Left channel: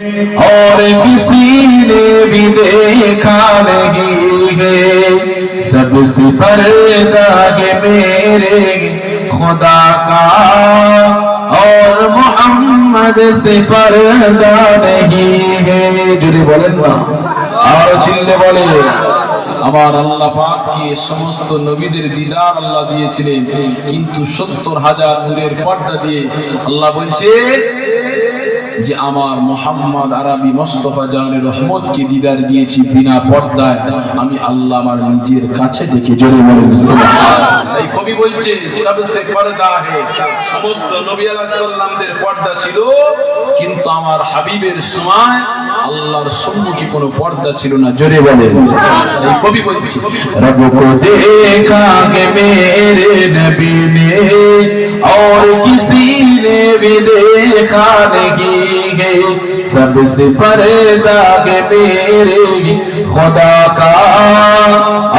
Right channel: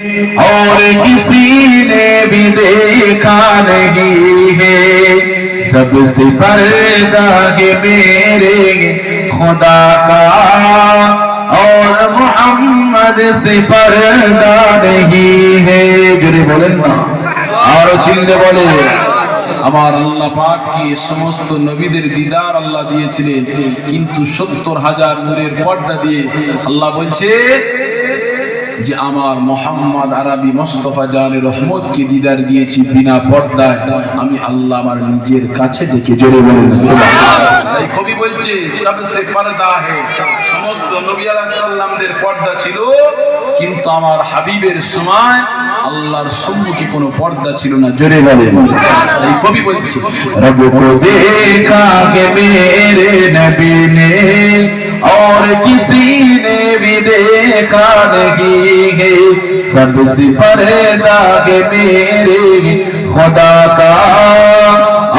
اور کسی نے بھی دیکھا نہیں ہے، سب سے پردہ ہے میرے خدا کا، اور محمد سے پردہ نہیں ہے۔ جڑے بولیں نا اور চিল্লে বলে আমার আল্লাহ পাক কি সমস্ত নবীদের দিদার আল্লাহ দিয়েছিলেন, কিন্তু ৭০,০০০ নূরের পর্দা দিয়ে আল্লাহ বলছে যে আমার মোহাম্মদ আরবি মুস্তাফা জানের রহমতকে দিদার দিয়েছি বিনা পর্দায়, আমি আল্লাহ আমার নিজের কাছে ডেকে। জোরে বলেন সুবহানাল্লাহ। তাই কবি বলছে সবসে পর্দা হে, সমস্ত নবী আলাইহিস সালামদের পর্দা ছিল, কিন্তু আমার হাবিবের সময় আল্লাহর সম্মুখে কোনো পর্দা ছিল না। জোরে বলেন। তাই কবি বলছে রব কো দেখা কে মেরে নবী নে और किसी ने भी देखा नहीं है, सबसे पर्दा है मेरे खुदा का,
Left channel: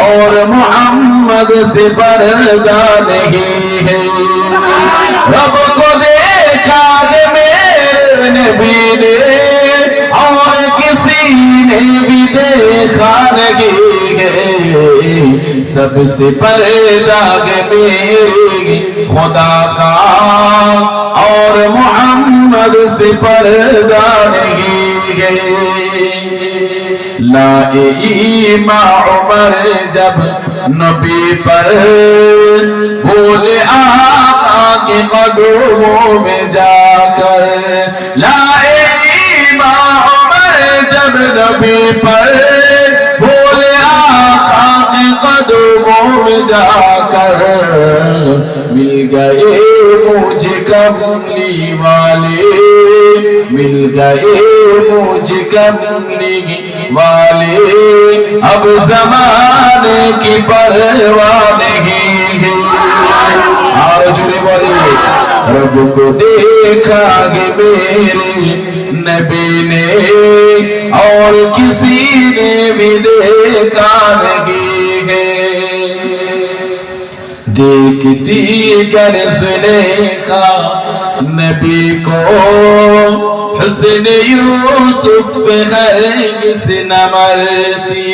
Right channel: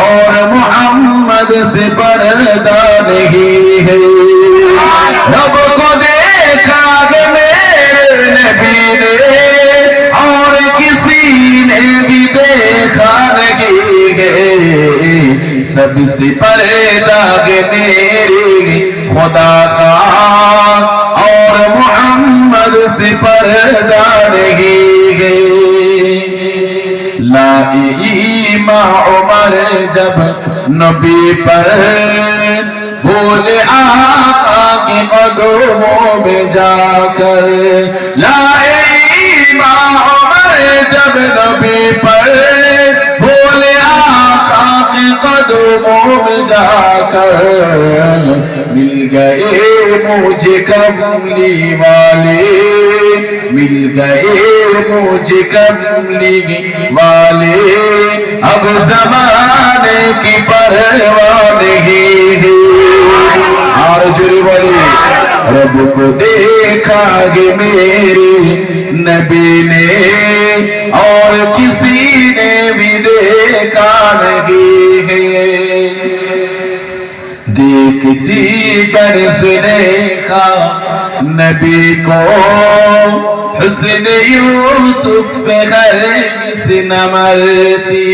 और मोहम्मद से पर्दा नहीं है। रब को देखा है मेरे नबी ने और किसी ने भी देखा नहीं है, सबसे पर्दा है मेरे खुदा का, और मोहम्मद से पर्दा नहीं है। लाए ईमान उमर जब नबी पर, बोले आका के कदमों में जाकर, लाए ईमान उमर जब नबी पर, बोले आका के कदमों में जाकर, मिल गए मुझे कमली वाले, मिल गए मुझे कमली वाले, अब ज़माने की परवाह नहीं है। और जुड़े बोले रब को देखा है मेरे नबी ने और किसी ने भी देखा नहीं है। देखती कर सुलेखा नबी को हुस्न यूसुफ पे हरगिज़ न मरती,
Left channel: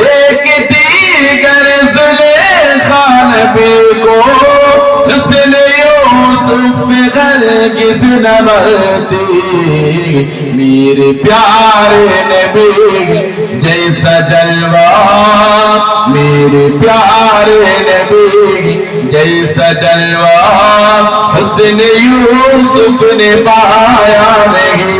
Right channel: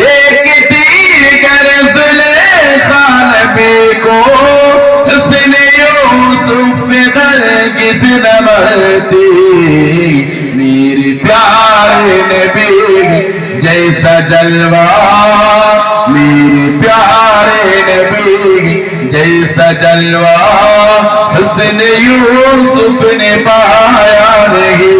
देखती कर सुलेखा नबी को हुस्न यूसुफ पे हरगिज़ न मरती, मेरे प्यारे नबी जैसा जलवा, मेरे प्यारे नबी जैसा जलवा हुस्न यूसुफ ने पाया नहीं।